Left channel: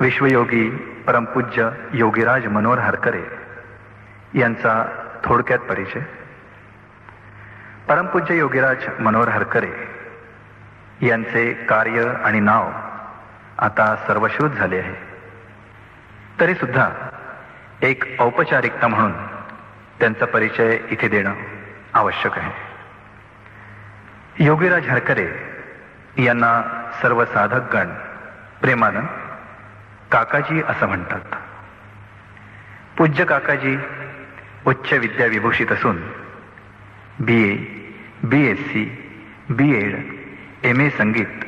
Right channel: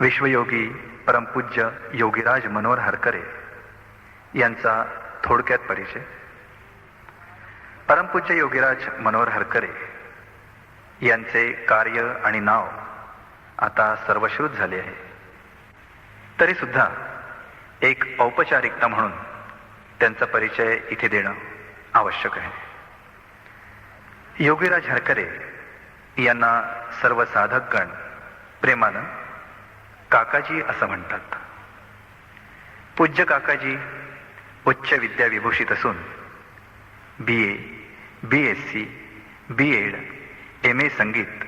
विश्वयोगी परमपूज्य योगीराज मनोहर हरकरे यांचा थोडक्यात परिचय. परमपूज्य योगीराज मनोहर हरकरे यांचे कार्य आणि नाव आता सर्वश्रुत झाले आहे. तरी सुद्धा एक औपचारिकता म्हणून त्यांचा परिचय इथे देणं आवश्यक आहे. योगीराज हरकरे यांना सर्व साधकगण प्रेमानं काकाजी असं म्हणतात. पूज्य काकाजी उच्च विद्या विभूषित असून B A B S C B Ed M A संगीत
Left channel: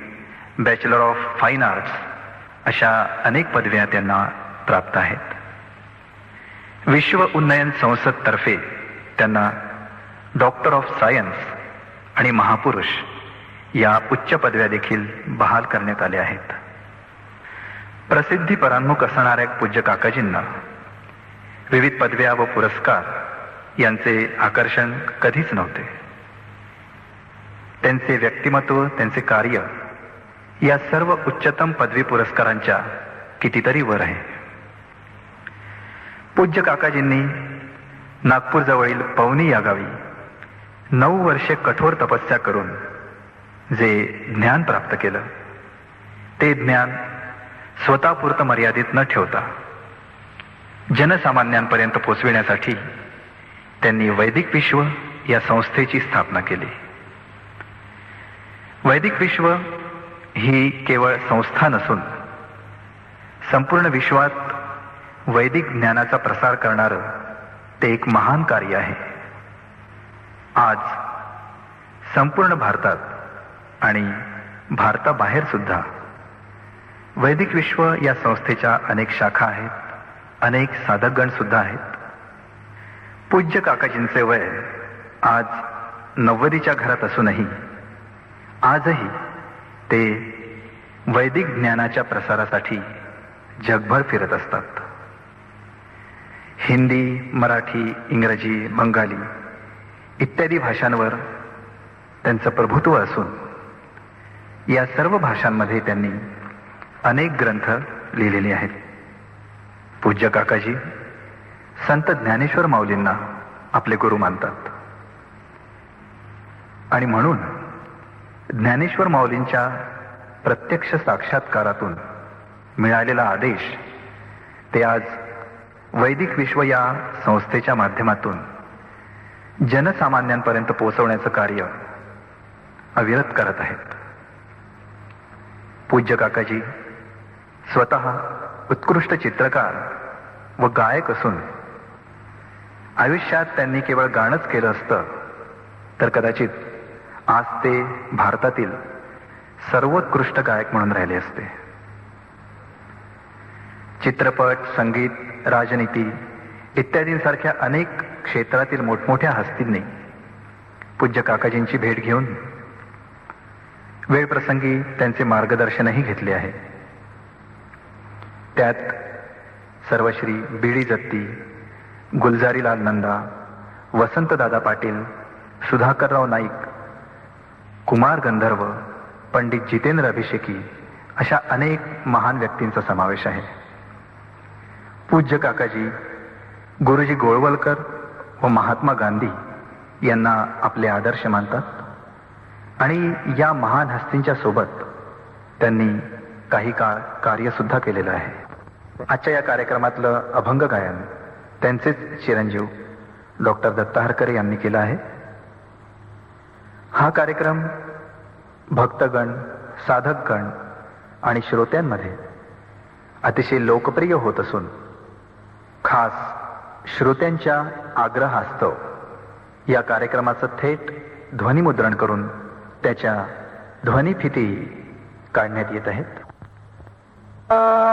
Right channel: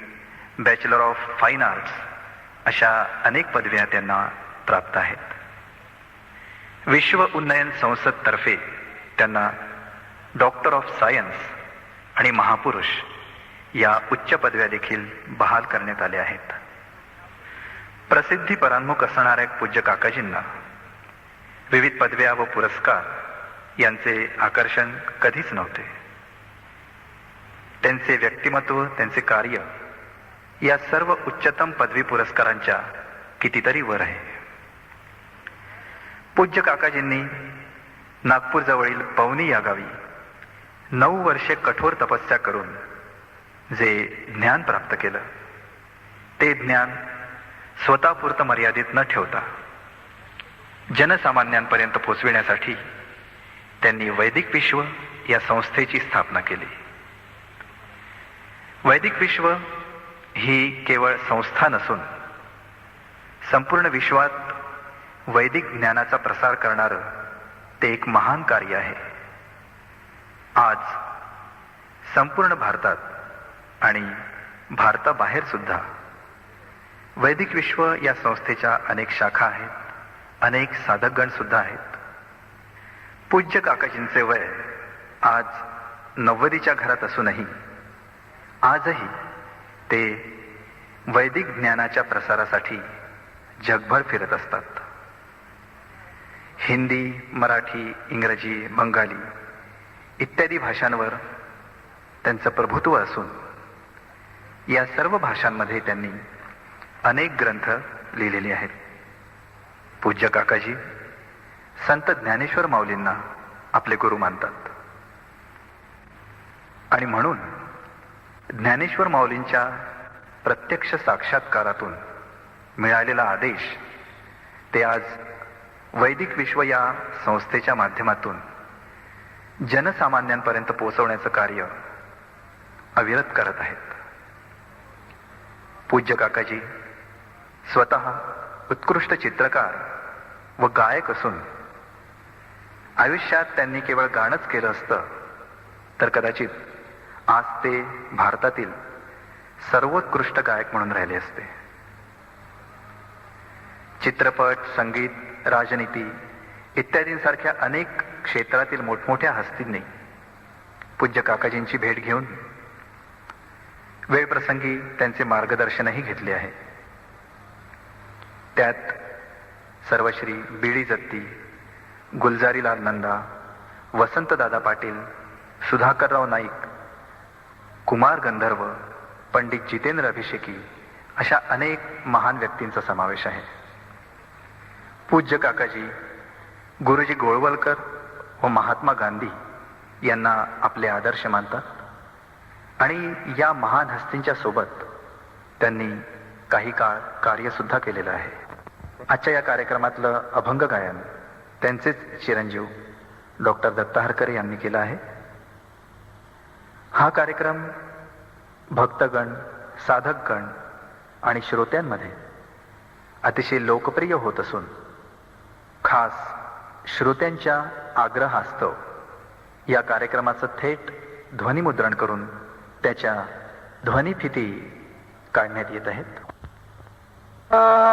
बॅचलर ऑफ फाईन आर्ट्स अशा अनेक पदव्या त्यांना प्राप्त आहेत. विश्व उन्नयन संसदतर्फे त्यांना डॉक्टर ऑफ सायन्स आणि महापुरुष या उच्च पदव्या देखील बहाल करण्यात आल्या आहेत. प्रसिद्धी परांमुख असणाऱ्या पूज्य काकाजींना विविध पदव्या व पुरस्कार यांचे आकर्षण कधीच नव्हते. त्यांचे व्यक्तिमत्व त्यांचे कार्य या सर्व उच्चतम पदवी पुरस्कारांच्या कितीतरी वर आहे. पूज्य काकाजींनी नागपूरजवळील पवनी या गावी नऊ वर्षे कठोर तपस्या करून जे ज्ञान प्राप्त केलं. ते ज्ञान स्वतःपुरतं मर्यादित न ठेवता जनसामान्यांपर्यंत पोचविण्यासाठी त्यांनी वैदिक विश्व या संस्थेची स्थापना केली. वैदिक विश्व ही केवळ संस्था नसून संपूर्ण विश्वात वैदिक ज्ञानाचा प्रसार करणारं ते एक महान कार्य आहे. आज संपूर्ण भारतात आणि भारताबाहेर सुद्धा वैदिक विश्व या संस्थेच्या अनेक शाखा आहेत. अनेक साधकगण सुद्धा आहेत. पूज्य काकाजींचे वय आज नव्वदीच्या घरात असूनही आजही ते वैदिक ज्ञानाच्या प्रसारासाठी जगभर फिरत असतात. हिंदी मराठी इंग्रजी बंगाली इत्यादी भाषांवर त्यांचं प्रभुत्व असून या सर्व भाषांमध्ये त्यांनी अनेक ग्रंथ लिहिलेले आहेत. पूज्य काकाजी संत ज्ञानेश्वर माऊलींना आपले गुरु मानतात. आणि म्हणून ज्ञानेश्वर माऊलींच्या प्रत्यक्ष साक्षात्कारातून मिळालेला आदेश ते आज वैदिक विश्व या संस्थेच्या माध्यमातून जनसामान्यांपर्यंत पोहोचवण्याचं कार्य अविरत करत आहेत. पूज्य काकाजी स्वतः उत्कृष्ट चित्रकार व गायक असून आयुष्यात त्यांनी केवळ गाणंच केलं असतं तर कदाचित आज ते भारतातील सर्वोत्कृष्ट गायक म्हणून राहिले असते. चित्रपट संगीत राजनीती इत्यादींसारख्या अनेक क्षेत्रातील मोठमोठ्या हस्तींनी पूज्य काकाजींची भेट घेऊन वेळप्रसंगी त्यांचे मार्गदर्शनही घेतले आहे. त्यात सर्वश्री बीडी जत्ती गुलजारीलाल नंदा वसंतदादा पाटील सुधाकरराव नाईक कुमार गंधर्व पंडित जितेंद्र अभिषेकी अशा अनेक महान व्यक्तींचा समावेश आहे. पूज्य काकाजी गुरुजी गोळवलकर व महात्मा गांधी यांना आपले आदर्श मानतात आणि या महान हस्तींच्या सोबत त्यांनी काही काळ कार्य सुद्धा केलेलं आहे. आजच्या या कार्यक्रमातलं अभंग गायन त्यांचेच चिरंजीव डॉक्टर दत्ता हरकरे यांनी केलं आहे. हा कार्यक्रम भक्तगण साधकगण आणि श्रोत्यांमध्ये अतिशय लोकप्रिय होत असून खास श्रोत्यांच्या आग्रहास्तव या कार्यक्रमाचं थेट ध्वनिमुद्रण करून त्याच्या ध्वनिफिती काढण्यात येत आहेत. Ah.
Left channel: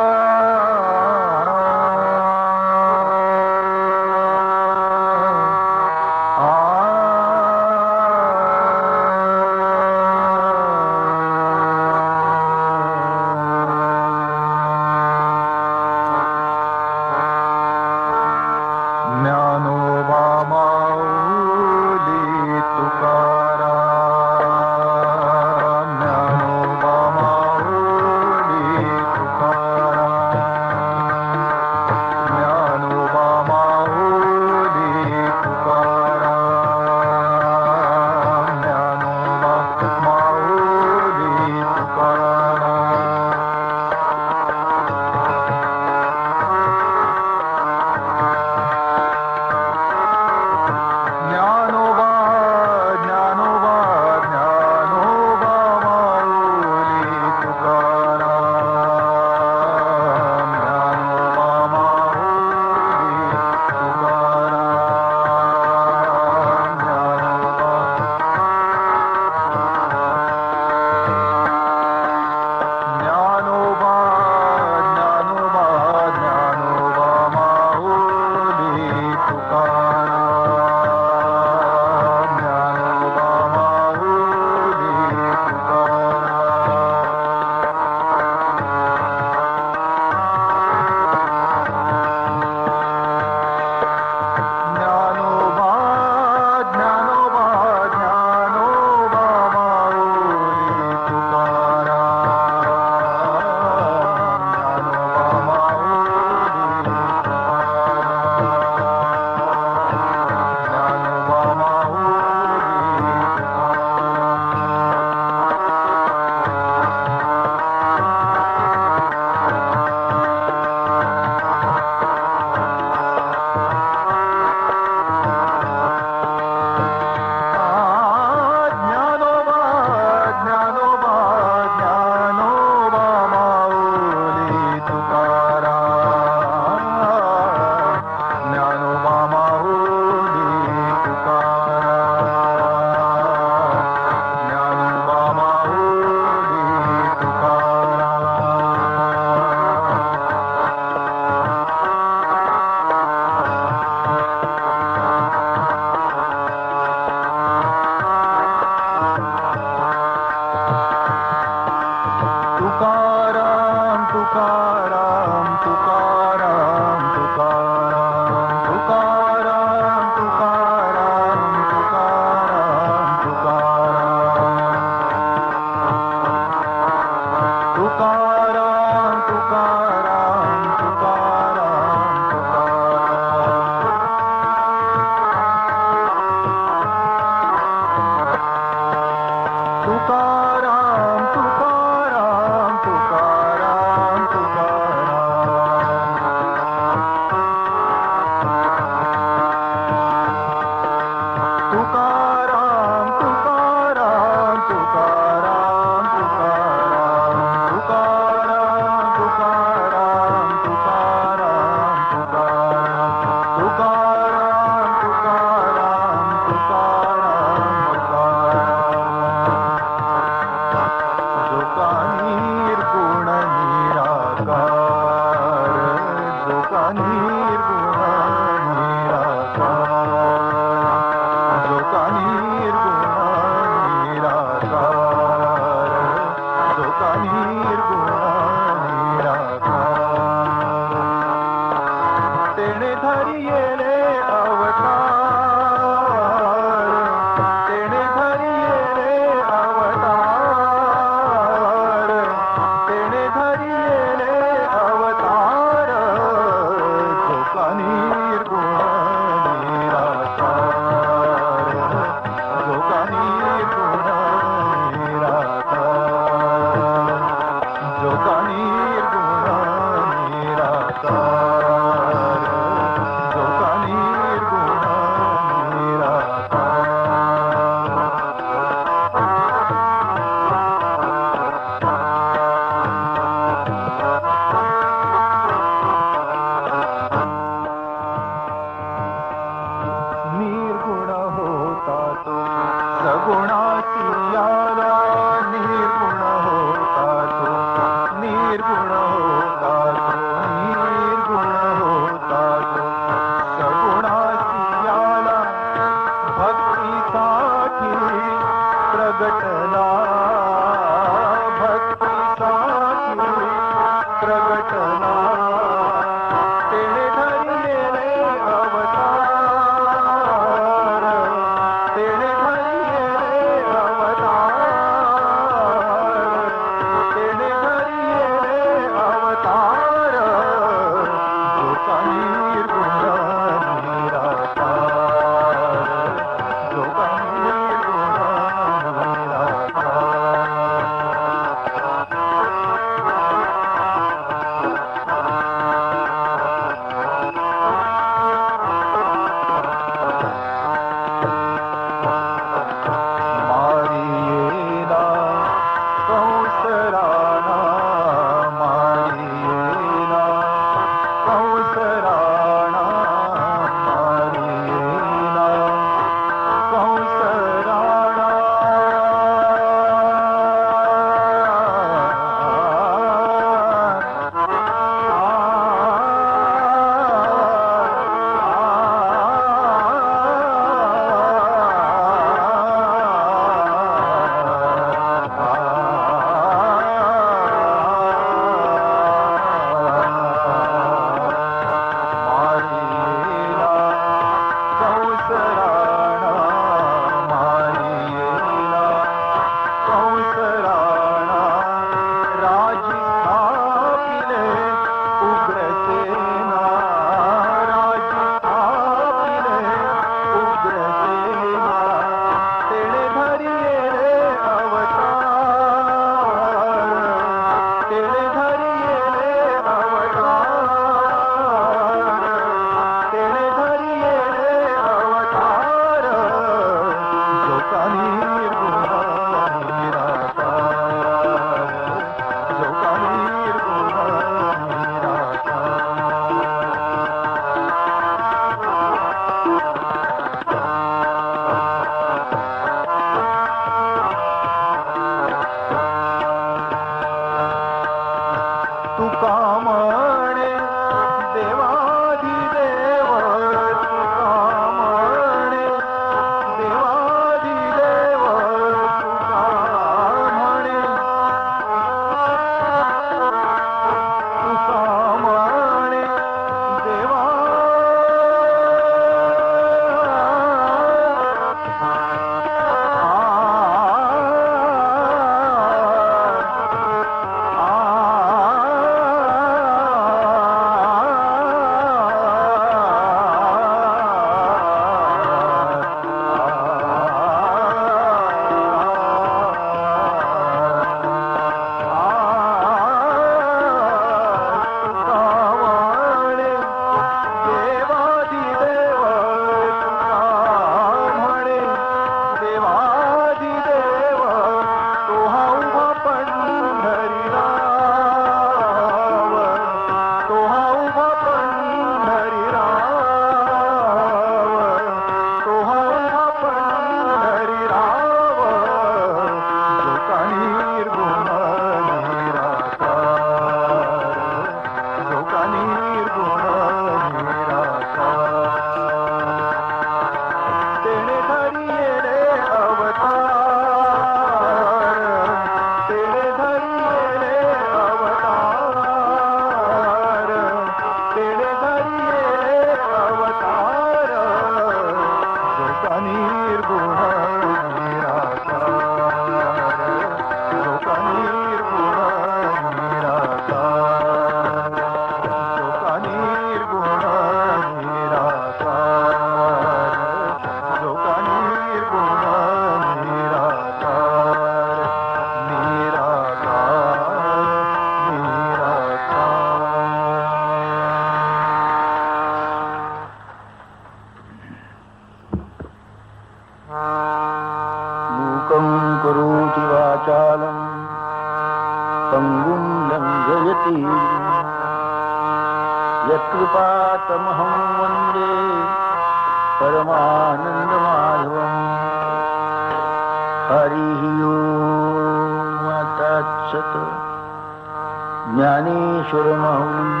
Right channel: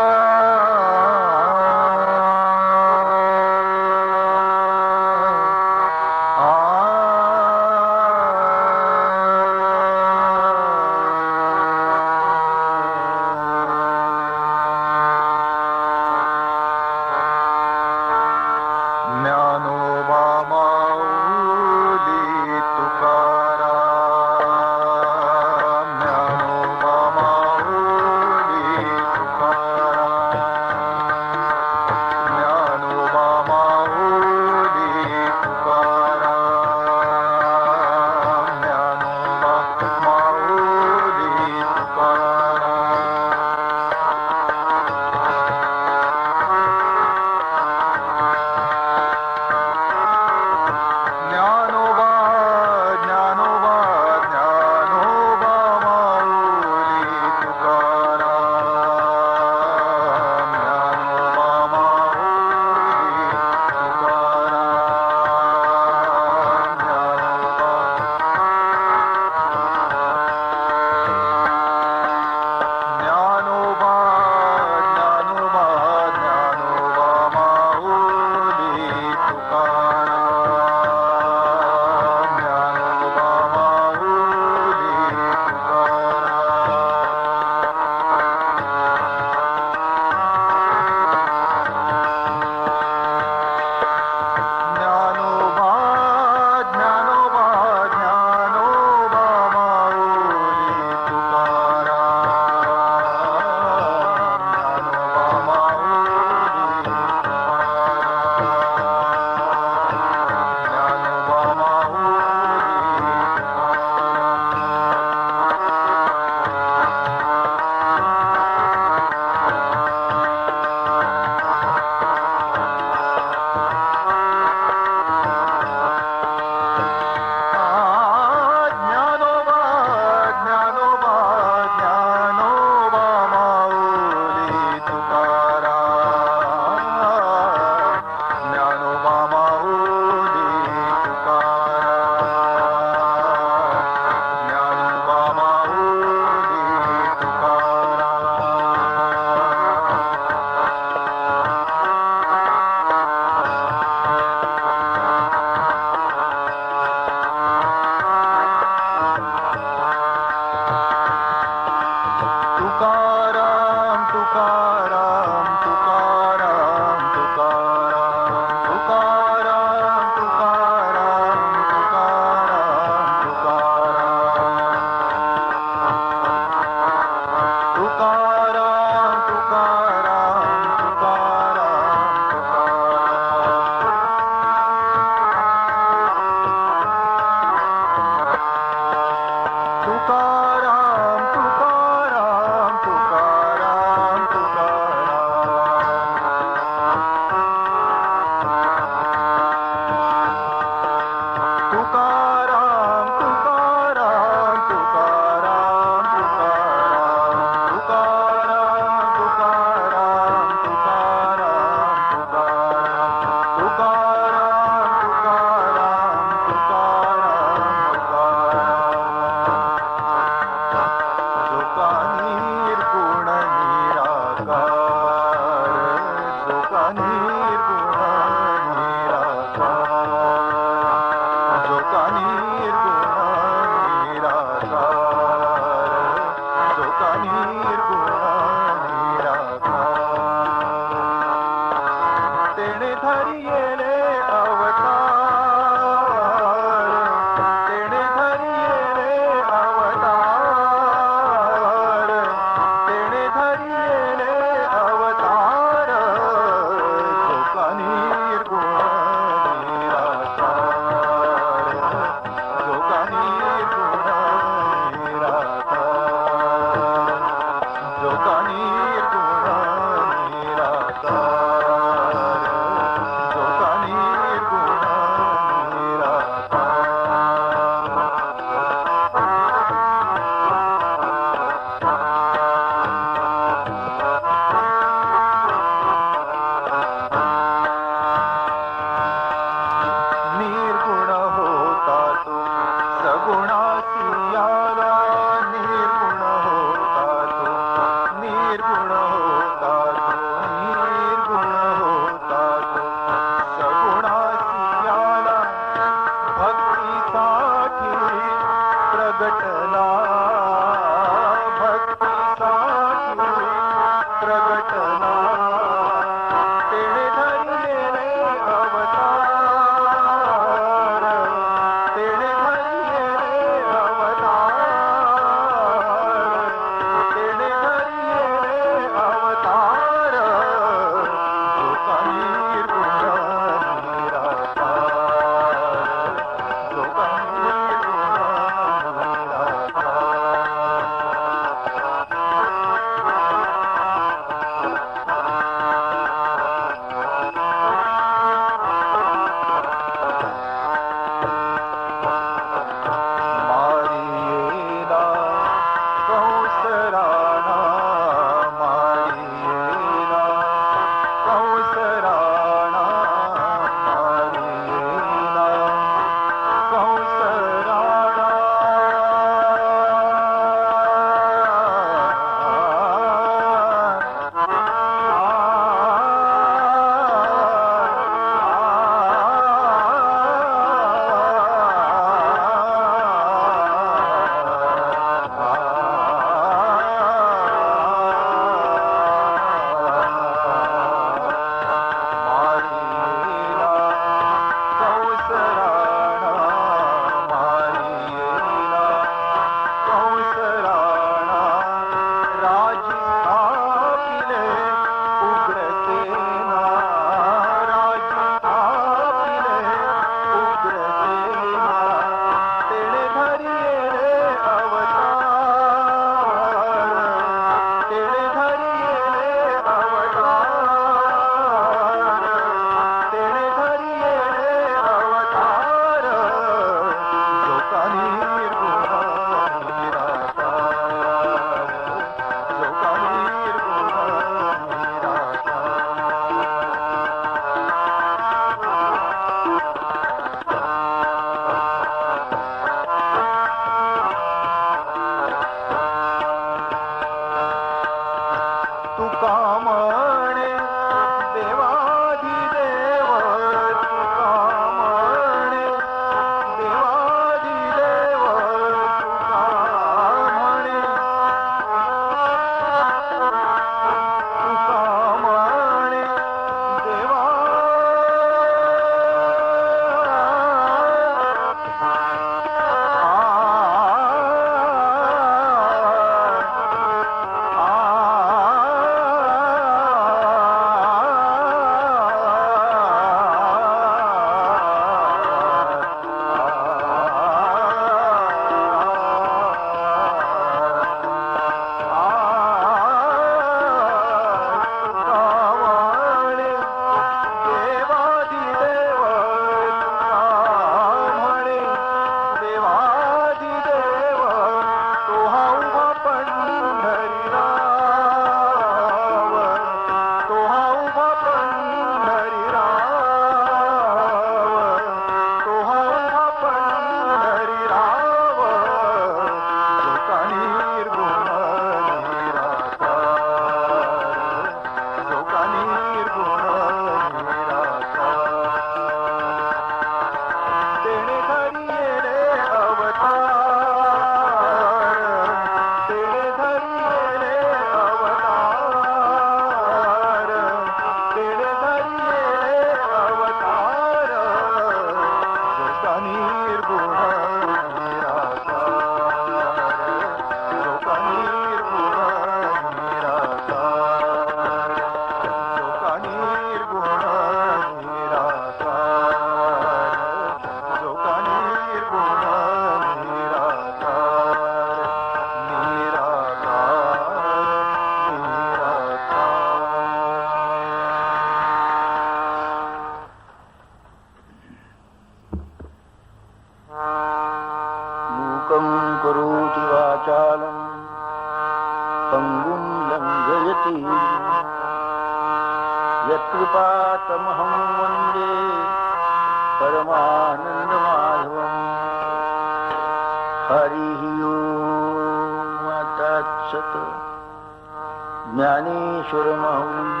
ज्ञानेश्वर ज्ञानेश्वरमहम्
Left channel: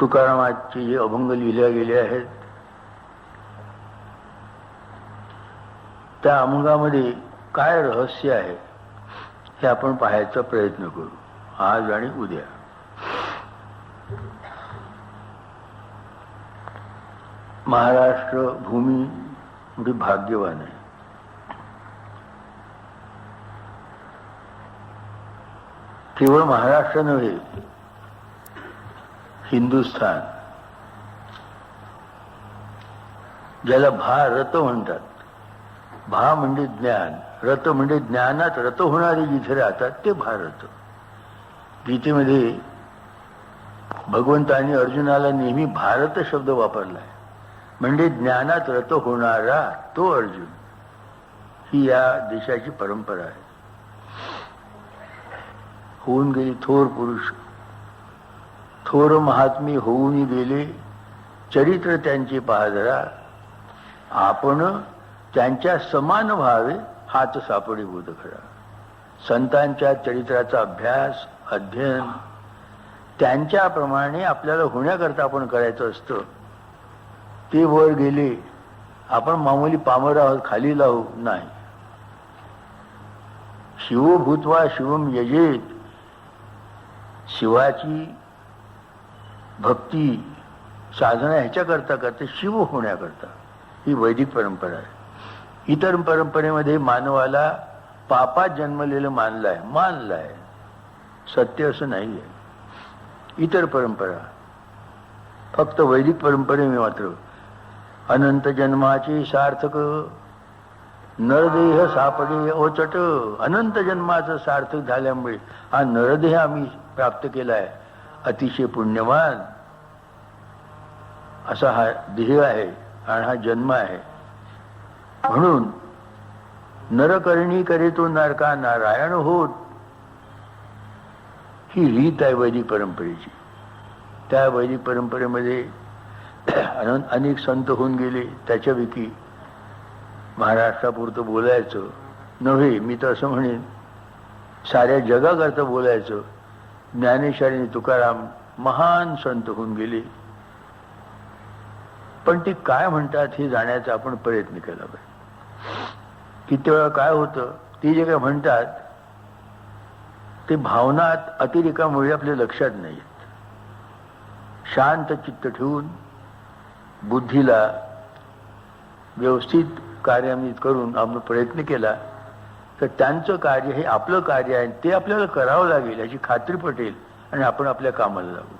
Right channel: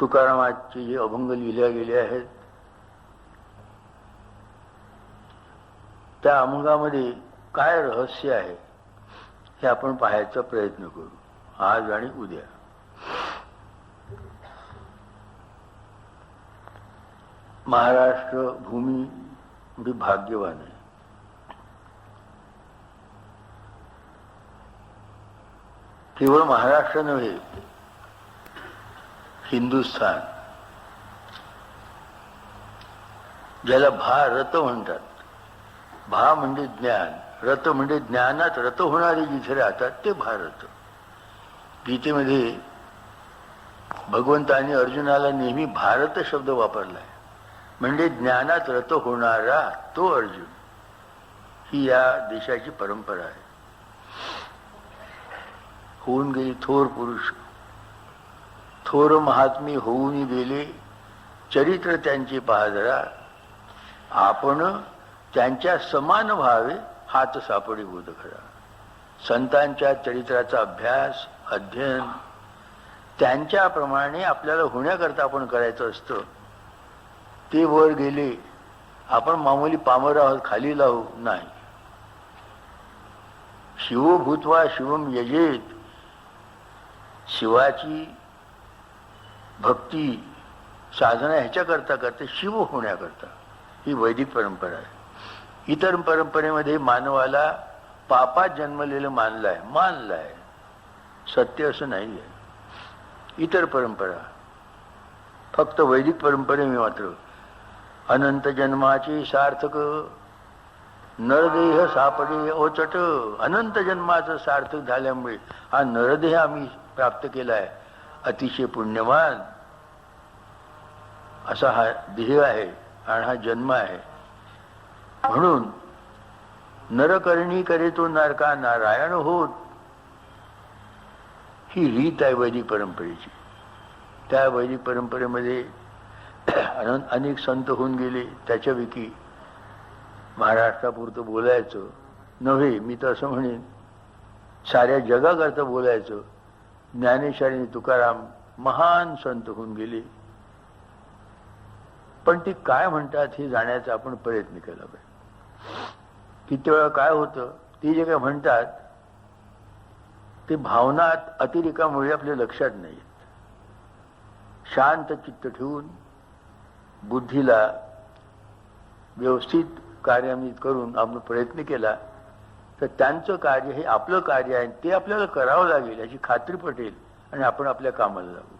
तुकारामाचे जे अभंग लिहिल्या गेले आहेत. त्या अभंगामध्ये काय रहस्य आहे हे आपण पाहायचा प्रयत्न करू. आज आणि उद्या. महाराष्ट्र भूमी म्हणजे भाग्यवान आहे. केवळ महाराष्ट्र नव्हे हिंदुस्थान ज्याला भारत म्हणतात. भा म्हणजे ज्ञान रत म्हणजे ज्ञानात रत होणारे जिथे राहतात ते भारत गीतेमध्ये भगवंताने अर्जुनाला नेहमी भारत शब्द वापरलाय. म्हणजे ज्ञानात रत होणारा तो अर्जुन. ही या देशाची परंपरा आहे. होऊन गेले? थोर पुरुष. थोर महात्मी होऊन गेले. चरित्र त्यांचे पाहजरा आपण त्यांच्या समान व्हावे हाच सापडी बोध खरा. संतांच्या चरित्राचा अभ्यास अध्ययन त्यांच्याप्रमाणे आपल्याला होण्याकरता आपण करायचं असतं. ते वर गेले. आपण मामूली पामर आहोत खाली लावू नाही. शिव भूतवा शिवम यजेत. शिवाची भक्ती साधना ह्याच्याकरता करते शिव होण्याकरता. ही वैदिक परंपरा आहे. इतर परंपरेमध्ये मानवाला पापात जन्मलेलं मानलं आहे मानलं आहे सत्य असं नाही आहे इतर परंपरा. फक्त वैदिक परंपरेने मात्र. अनंत जन्माचे सार्थक. नरदेह सापडे ओचट अनंत जन्माचं सार्थक झाल्यामुळे हा नरदेह आम्ही प्राप्त केलाय. अतिशय पुण्यवान. असा हा देह आहे आणि हा जन्म आहे. म्हणून नरकर्णी करे तो नरका नारायण होत ही रीत आहे वैदिक परंपरेची. त्या वैदिक परंपरेमध्ये अन- अनेक संत होऊन गेले. त्याच्यापैकी महाराष्ट्रापुरतं बोलायचं नव्हे मी तर असं म्हणेन साऱ्या जगाकरता बोलायचं. ज्ञानेश्वरी तुकाराम महान संत होऊन गेले. पण ते काय म्हणतात हे जाण्याचा आपण प्रयत्न केला पाहिजे. किती वेळा काय होतं ते जे काय म्हणतात ते भावनात अतिरेकामुळे आपल्या लक्षात नाही येत. शांत चित्त ठेवून बुद्धीला व्यवस्थित कार्यान्वित करून आपण प्रयत्न केला तर त्यांचं कार्य हे आपलं कार्य आहे ते आपल्याला करावं लागेल याची खात्री पटेल आणि आपण आपल्या कामाला लागू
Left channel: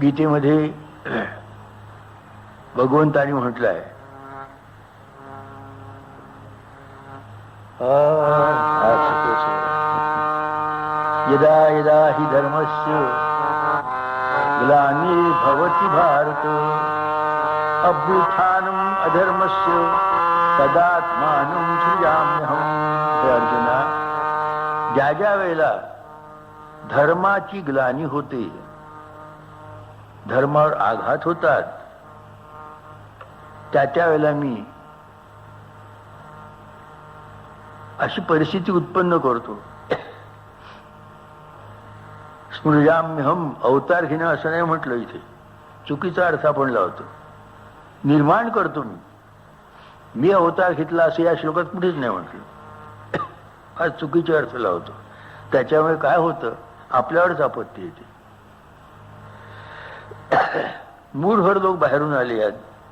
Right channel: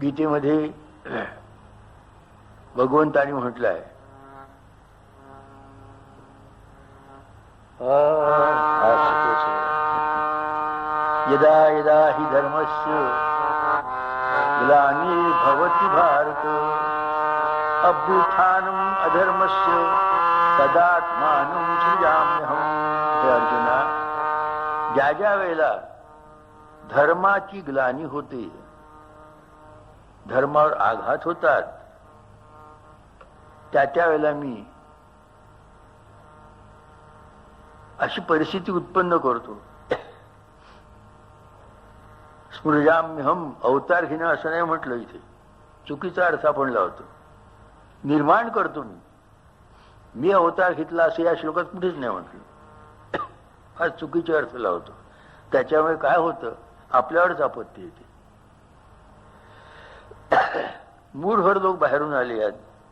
गीतेमध्ये भगवंतानी म्हटलं आहे यदा यदा हि धर्मस्य धर्माची ग्लानी होते. धर्मावर आघात होतात. त्या त्या वेळेला मी अशी परिस्थिती उत्पन्न करतो. स्मृजाम्यहम अवतार घेणं असं नाही म्हटलं इथे. चुकीचा अर्थ आपण लावतो. निर्माण करतो मी. मी अवतार घेतला असं या श्लोकात कुठेच नाही म्हटलं. हा चुकीचे अर्थ लावतो. त्याच्यामुळे काय होतं? आपल्यावरच आपत्ती येते. मूठभर लोक बाहेरून आले या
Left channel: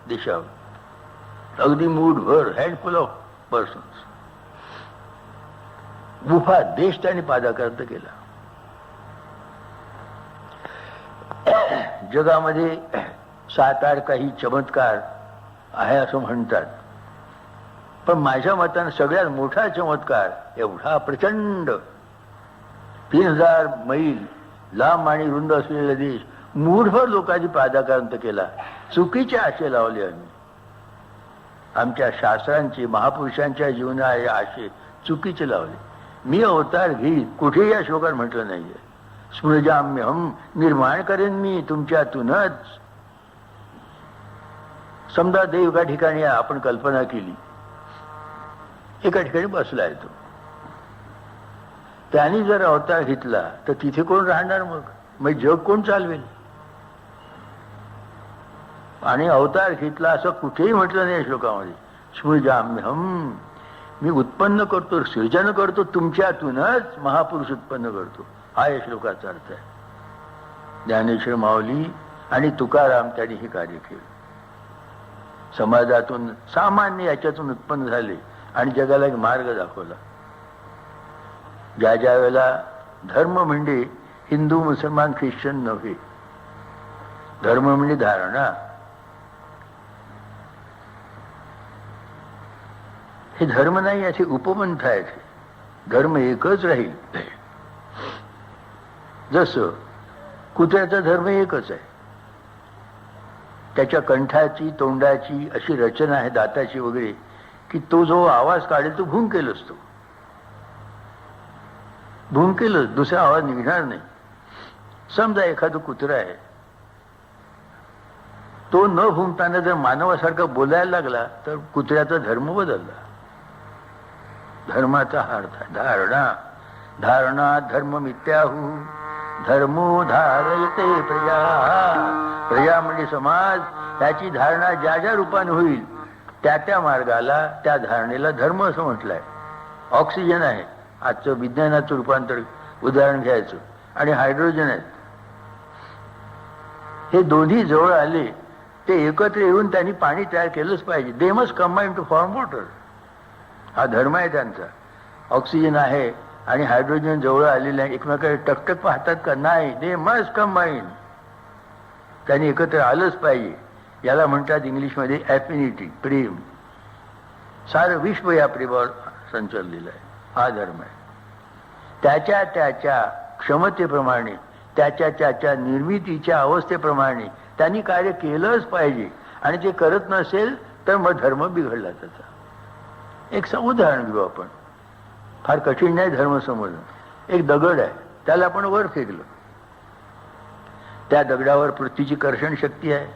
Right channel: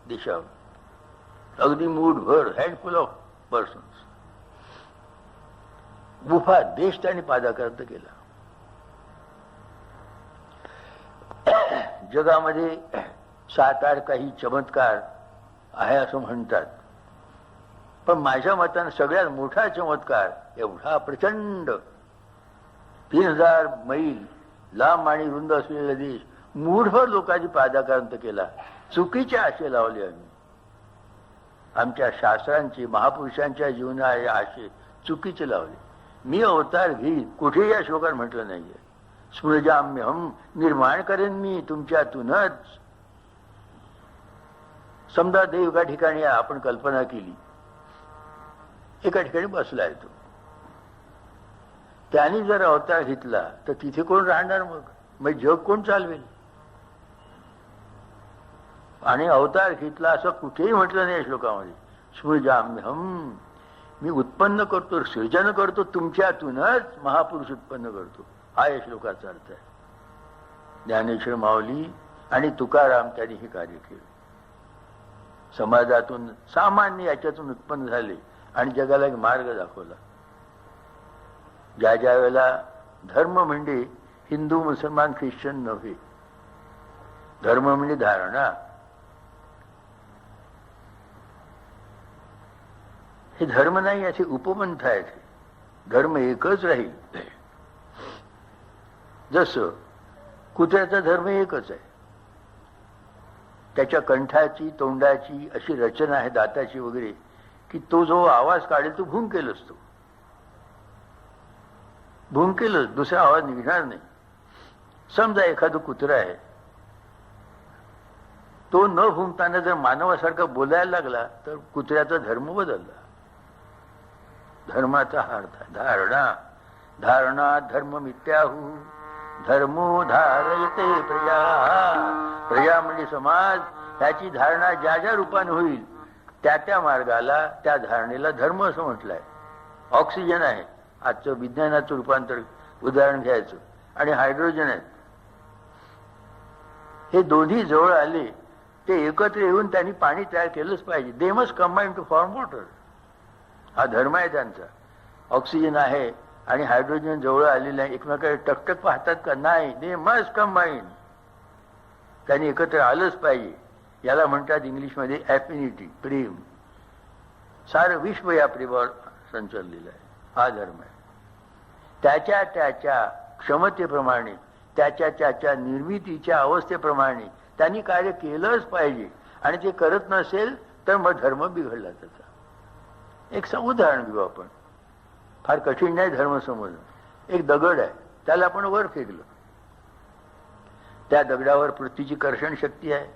देशावर. अगदी मूठभर हँडफुल ऑफ पर्सन्स गुफा देश त्यांनी पादाकर्त केला. जगामध्ये सात आठ काही चमत्कार आहे असं म्हणतात. पण माझ्या मतानं सगळ्यात मोठा चमत्कार एवढा प्रचंड तीन हजार मैल लांब आणि रुंद असलेला देश मूढभर लोकांनी पादाक्रांत केला. चुकीचे आशे लावले आम्ही. आमच्या शास्त्रांचे महापुरुषांच्या जीवना आशे चुकीचे लावले. मी अवतार घेईन कुठेही या श्लोकात म्हटलं नाहीये. स्मृजाम्यहम निर्माण करेन मी तुमच्यातूनच. समजा देव एका ठिकाणी आपण कल्पना केली. एका ठिकाणी बसलाय तो. त्यांनी जर अवतार घेतला तर तिथे कोण राहणार मग? मग जग कोण चालवेल? आणि अवतार घेतला असं कुठेही म्हटलं नाही या श्लोकामध्ये. स्मृजाम्यहम. मी उत्पन्न करतो सृजन करतो तुमच्यातूनच महापुरुष उत्पन्न करतो. हा या श्लोकाचा अर्थ आहे. ज्ञानेश्वर माऊली आणि तुकाराम त्यांनी हे कार्य केलं. समाजातून सामान्य याच्यातून उत्पन्न झाले आणि जगाला एक मार्ग दाखवला. ज्या ज्या वेळेला धर्म म्हणजे हिंदू मुसलमान ख्रिश्चन नव्हे. धर्म म्हणजे धारणा. हे धर्म नाही असे उपपंथ आहेत. धर्म एकच राहील. जसं कुत्र्याचा धर्म एकच आहे. त्याच्या कंठाची तोंडाची अशी रचना आहे दाताची वगैरे की तो जो आवाज काढेल तो भुंकेल असतो. भुंकेलच दुसरा आवाज निघणार नाही. समजा एखादं कुत्रा आहे. तो न भुंकताना जर मानवासारखा बोलायला लागला तर कुत्र्याचा धर्म बदलला. धर्माचा अर्थ धारणा. धारणा धर्म मित्याहू धर्मो धारयते प्रजा प्रजा म्हणजे समाज. त्याची धारणा ज्या ज्या रूपाने होईल त्या त्या मार्गाला त्या धारणेला धर्म असं म्हटलंय. ऑक्सिजन आहे. आजचं विज्ञानाचं रूपांतर उदाहरण घ्यायचं. आणि हायड्रोजन आहेत. हे दोन्ही जवळ आले ते एकत्र येऊन त्यांनी पाणी तयार केलंच पाहिजे. They must combine to form water हा धर्म आहे त्यांचा. ऑक्सिजन आहे आणि हायड्रोजन जवळ आलेले आहे. एकमेकांना टकटक पाहतात का? नाही. दे मस्ट कंबाईन त्यांनी एकत्र आलंच पाहिजे. याला म्हणतात इंग्लिशमध्ये ॲफिनिटी प्रेम. सारं विश्व या प्रेमावर संचललेलं आहे. हा धर्म आहे. त्याच्या त्याच्या क्षमतेप्रमाणे त्याच्या त्याच्या निर्मितीच्या अवस्थेप्रमाणे त्यांनी कार्य केलंच पाहिजे. आणि ते करत नसेल तर मग धर्म बिघडला त्याचा. एक उदाहरण घेऊ आपण. फार कठीण नाही धर्म समजणं. एक दगड आहे. त्याला आपण वर फेकलं. त्या दगडावर पृथ्वीची कर्षण शक्ती आहे.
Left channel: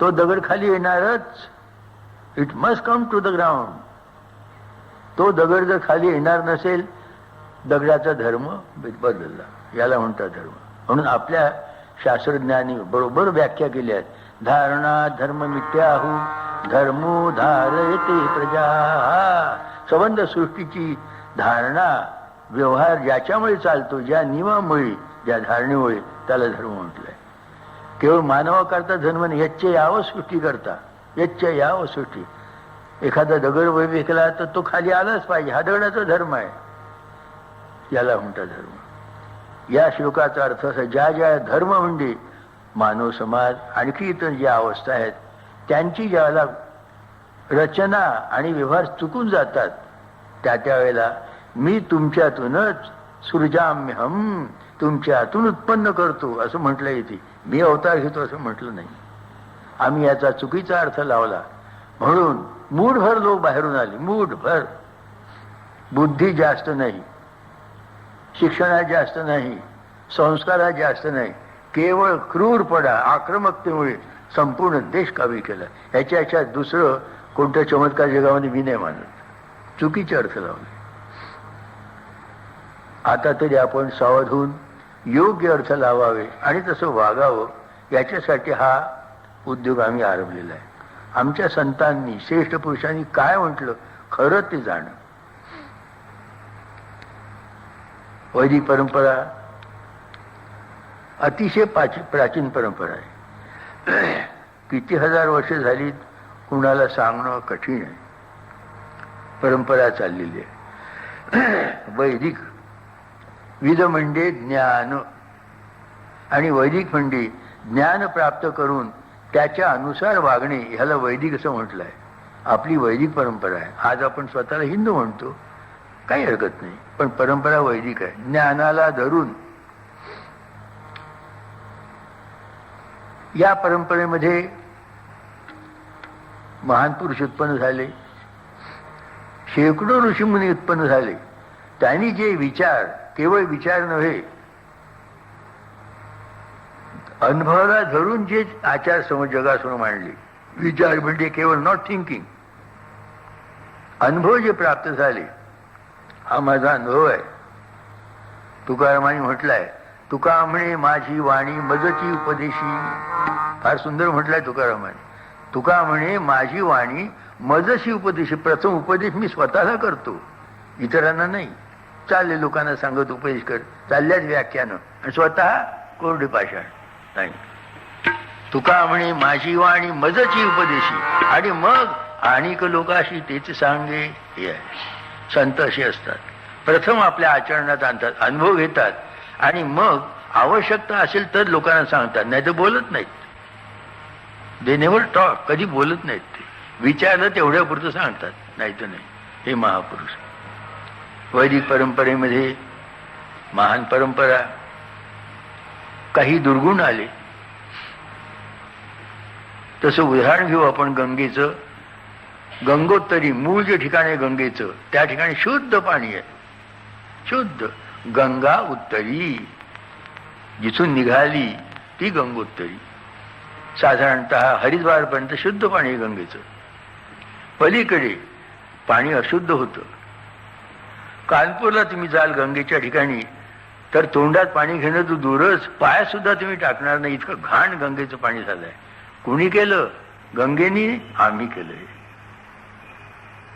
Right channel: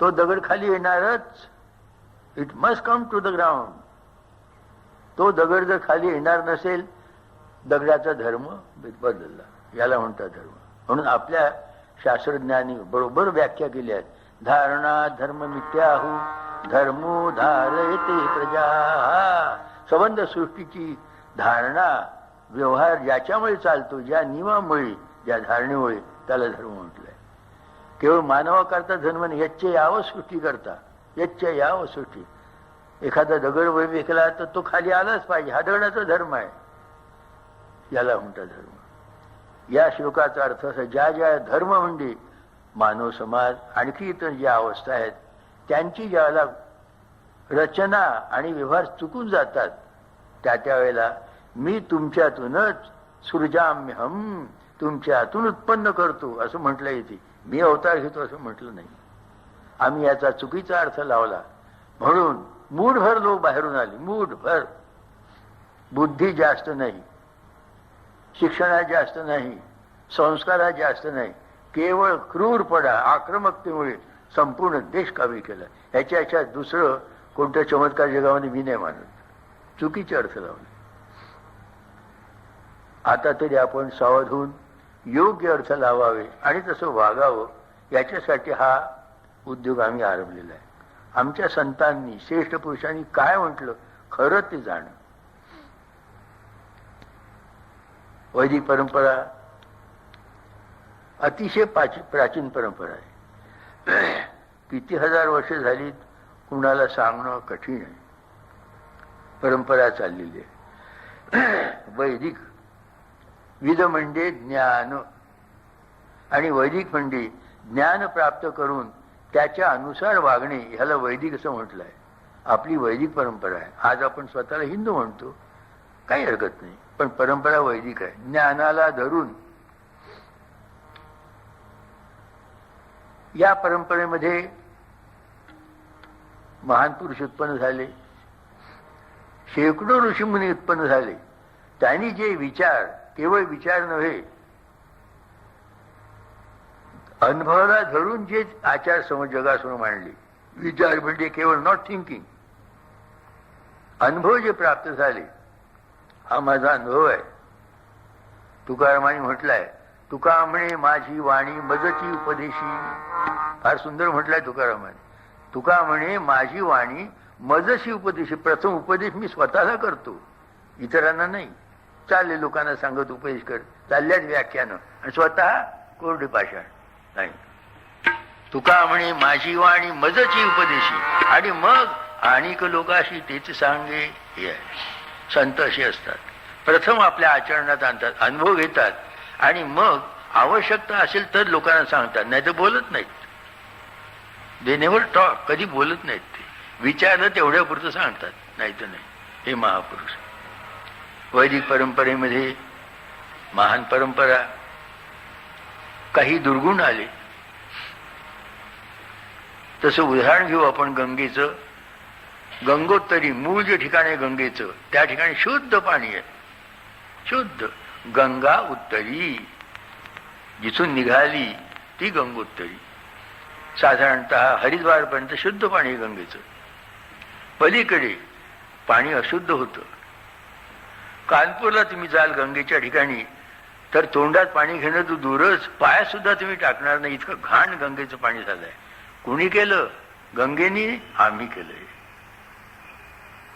तो दगड खाली येणारच. It must come to the ground तो दगड जर खाली येणार नसेल दगडाचा धर्म बदलला. याला म्हणतात धर्म. म्हणून आपल्या शास्त्रज्ञांनी बरोबर व्याख्या केल्या आहे धारणा धर्म मिथ्याहू धर्मो धारयते प्रजा. संबंध सृष्टीची धारणा व्यवहार ज्याच्यामुळे चालतो ज्या नियमामुळे ज्या धारणेमुळे त्याला धर्म म्हटलंय. केवळ मानवाकरता धर्म नाही यच्च यावं सृष्टी करता. यच्च यावं सृष्टी. एखादा दगड वय विकला तर तो खाली आलाच पाहिजे. हा दगडाचा धर्म आहे. याला म्हणतात धर्म. या श्लोकाचा अर्थ असा ज्या ज्या धर्म म्हणजे मानव समाज आणखी इतर ज्या अवस्था आहेत त्यांची ज्याला रचना आणि व्यवहार चुकून जातात त्या त्या वेळेला मी तुमच्यातूनच सृजाम्यहम तुमच्यातून उत्पन्न करतो असं म्हटलं येते मी अवतार घेतो असं म्हटलं नाही. आम्ही याचा चुकीचा अर्थ लावला. म्हणून मूठभर लोक बाहेरून आले. मूठभर बुद्धी जास्त नाही. शिक्षणात जास्त नाही. संस्कारात जास्त नाही. केवळ क्रूरपणा आक्रमकतेमुळे संपूर्ण देश काबी केला. याच्या याच्यात दुसरं कोणत्या चमत्कार जगामध्ये मी नाही मानत. चुकीचे अर्थ लावले. आता तरी आपण सावध होऊन योग्य अर्थ लावावे आणि तसं वागावं याच्यासाठी हा उद्योग आम्ही आरंभलेला आहे. आमच्या संतांनी श्रेष्ठ पुरुषांनी काय म्हटलं? खरं ते जाणं. वैदिक परंपरा अतिशय पाची- प्राचीन परंपरा आहे. किती हजार वर्ष झाली कुणाला सांगणं कठीण आहे. परंपरा चाललेली आहे. वैदिक विध म्हणजे ज्ञान. आणि वैदिक म्हणजे ज्ञान प्राप्त करून त्याच्या अनुसार वागणे ह्याला वैदिक असं म्हटलं आहे आपली वैदिक परंपरा आहे. आज आपण स्वतःला हिंदू म्हणतो. काही हरकत नाही. पण परंपरा वैदिक आहे. ज्ञानाला धरून या परंपरेमध्ये महान पुरुष उत्पन्न झाले. शेकडो ऋषीमुनी उत्पन्न झाले. त्यांनी जे विचार केवळ विचार नव्हे अनुभवाला धरून जे आचार समज जगासमोर मांडले. विचार म्हणजे केवळ नॉट थिंकिंग अनुभव जे प्राप्त झाले हा माझा अनुभव आहे. तुकारामाने म्हटलाय तुका म्हणे माझी वाणी मजची उपदेशी. फार सुंदर म्हटलंय तुकारामाने. तुका म्हणे माझी वाणी मजशी उपदेशी प्रथम उपदेश मी स्वतःला करतो. इतरांना नाही चालले लोकांना सांगत उपदेश कर चालल्याच व्याख्यानं. आणि स्वतः कोरडे पाषाण. नाही. तुका म्हणे माझी वाणी मजची उपदेशी. आणि मग आणिक लोकाशी तेच सांगे हे आहे. संत असे असतात. प्रथम आपल्या आचरणात आणतात अनुभव घेतात. आणि मग आवश्यकता असेल तर लोकांना सांगतात. नाही तर बोलत नाहीत. दे नेवर टॉक कधी बोलत नाहीत ते. विचारलं तेवढ्यापुरतं सांगतात. नाही तर नाही. हे महापुरुष. वैदिक परंपरेमध्ये महान परंपरा काही दुर्गुण आले. तसं उदाहरण घेऊ आपण गंगेचं. गंगोत्तरी मूळ जे ठिकाण आहे गंगेचं त्या ठिकाणी शुद्ध पाणी आहे. शुद्ध. गंगा उत्तरी. जिथून निघाली ती गंगोत्तरी. साधारणत हरिद्वारपर्यंत शुद्ध पाणी आहे गंगेचं. पलीकडे पाणी अशुद्ध होतं. कानपूरला तुम्ही जाल गंगेच्या ठिकाणी तर तोंडात पाणी घेणं तू दूरच. पाय सुद्धा तुम्ही टाकणार नाही. इतकं घाण गंगेचं पाणी झालंय. कुणी केलं? गंगेनी आम्ही केलंय.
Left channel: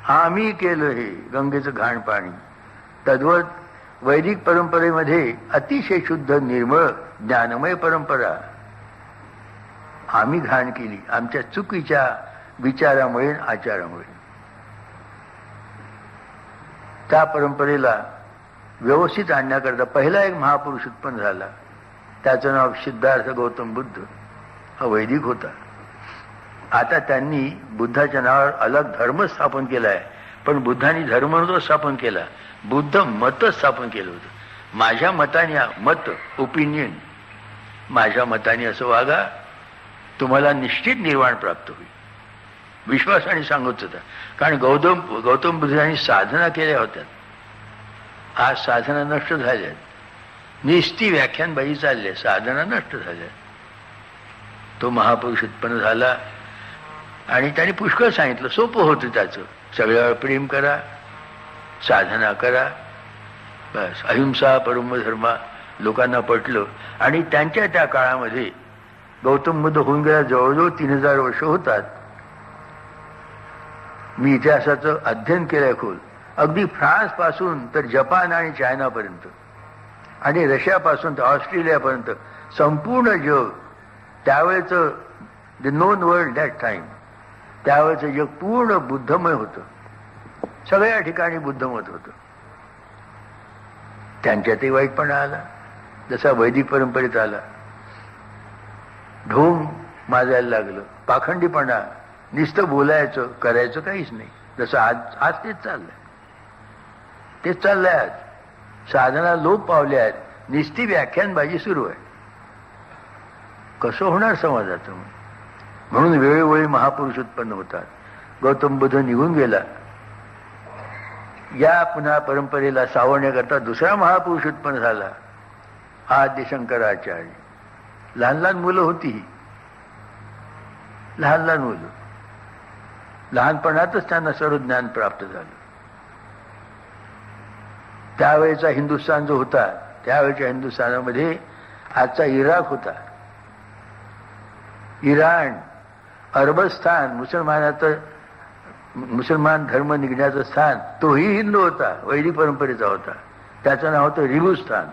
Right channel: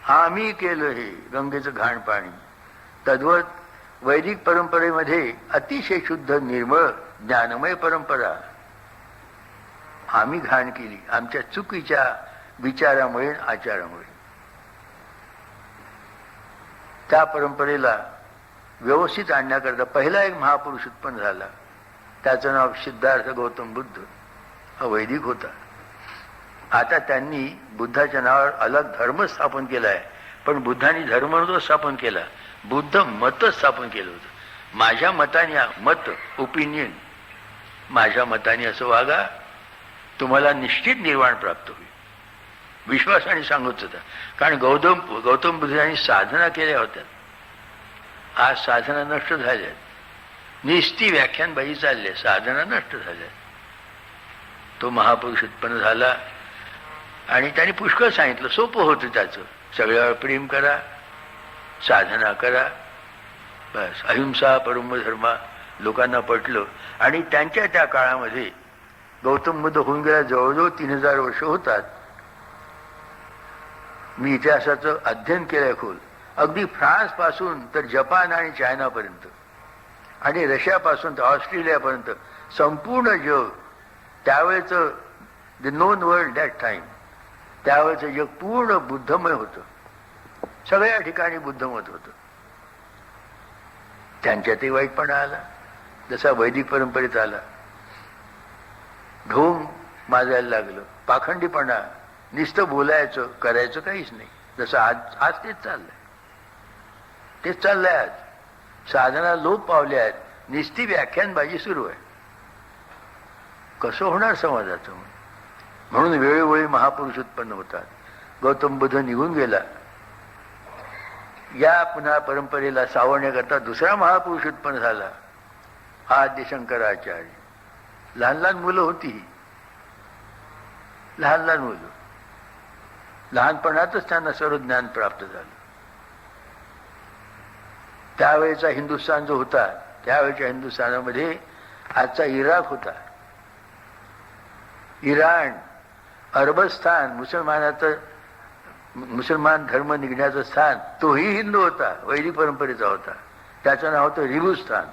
आम्ही केलं हे गंगेचं घाण पाणी. तद्वत वैदिक परंपरेमध्ये अतिशय शुद्ध निर्मळ ज्ञानमय परंपरा. आम्ही घाण केली. आमच्या चुकीच्या विचारामुळे आचारामुळे. त्या परंपरेला व्यवस्थित आणण्याकरता पहिला एक महापुरुष उत्पन्न झाला. त्याचं नाव सिद्धार्थ गौतम बुद्ध. हा वैदिक होता. आता त्यांनी बुद्धाच्या नावावर अलग धर्म स्थापन केला आहे. पण बुद्धांनी धर्म स्थापन केला. बुद्ध मत स्थापन केलं होतं. माझ्या मताने मत ओपिनियन माझ्या मताने असं वागा तुम्हाला निश्चित निर्वाण प्राप्त होईल. विश्वासाने सांगत होता. कारण गौतम गौतम बुद्धांनी साधना केल्या होत्या. आज साधना नष्ट झाल्या निस्ती व्याख्यानबाई चालले साधना नष्ट झाल्या तो महापुरुष उत्पन्न झाला आणि त्याने पुष्कळ सांगितलं सोपं होतं त्याचं. सगळ्यावर प्रेम करा साधना करा. बस अहिंसा परमधर्मा लोकांना पटलं. आणि त्यांच्या त्या काळामध्ये गौतम बुद्ध होऊन गेल्या जवळजवळ तीन हजार वर्ष होतात. मी इतिहासाचं अध्ययन केलं खोल. अगदी फ्रान्सपासून तर जपान आणि चायनापर्यंत. आणि रशियापासून तर ऑस्ट्रेलियापर्यंत संपूर्ण जग त्यावेळेचं the known world that time त्यावेळेचं जग पूर्ण बुद्धमय होतं. सगळ्या ठिकाणी बुद्धमत होतं. त्यांच्यातही वाईटपणा आला. जसा वैदिक परंपरेत आला. ढोंग माजायला लागलं. पाखंडीपणा निस्त बोलायचं करायचं काहीच नाही. जसं आज आज तेच चाललंय. ते चाललंय आज. साधना लोप पावले आहेत. निस्ती व्याख्यानबाजी सुरू आहे. कसं होणार समाजाचं म्हणून वेळोवेळी महापुरुष उत्पन्न होतात. गौतम बुद्ध निघून गेला. या पुन्हा परंपरेला सावरण्याकरता दुसरा महापुरुष उत्पन्न झाला. आद्य शंकराचार्य लहान लहान मुलं होती लहान लहान मुलं. लहानपणातच त्यांना सर्व ज्ञान प्राप्त झालं. त्यावेळेचा हिंदुस्थान जो होता त्यावेळेच्या हिंदुस्थानामध्ये आजचा इराक होता. इराण अरबस्थान मुसलमानाचं मुसलमान धर्म निघण्याचं स्थान तोही हिंदू होता वैदिक परंपरेचा होता. त्याचं नाव होतं रिबुस्थान.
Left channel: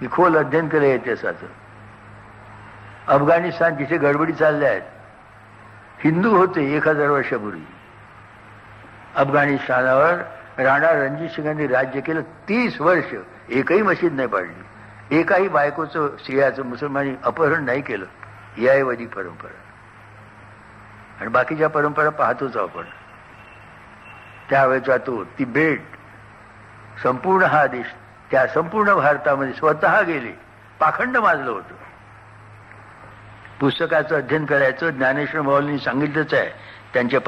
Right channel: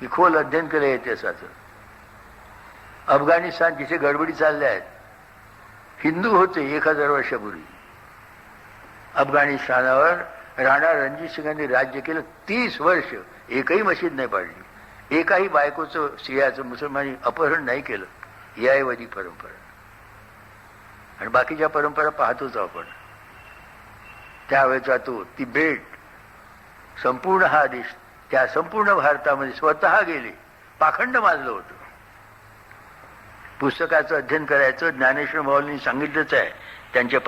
मी खोल अध्ययन केलं इतिहासाचं. अफगाणिस्तान तिथे गडबडी चालल्या आहेत हिंदू होते एक हजार वर्षापूर्वी. अफगाणिस्तानावर राणा रणजित सिंगांनी राज्य केलं तीस वर्ष एकही मशीद नाही पाडली. एकाही बायकोचं स्त्रियाचं मुसलमानी अपहरण नाही केलं. ही आहे वैदिक परंपरा. आणि बाकीच्या परंपरा पाहतोच आपण. त्यावेळेचा तो तिबेट संपूर्ण हा देश त्या संपूर्ण भारतामध्ये स्वतः गेले. पाखंड माजलं होतं. पुस्तकाचं अध्ययन करायचं ज्ञानेश्वर माऊलींनी सांगितलंच आहे. त्यांच्या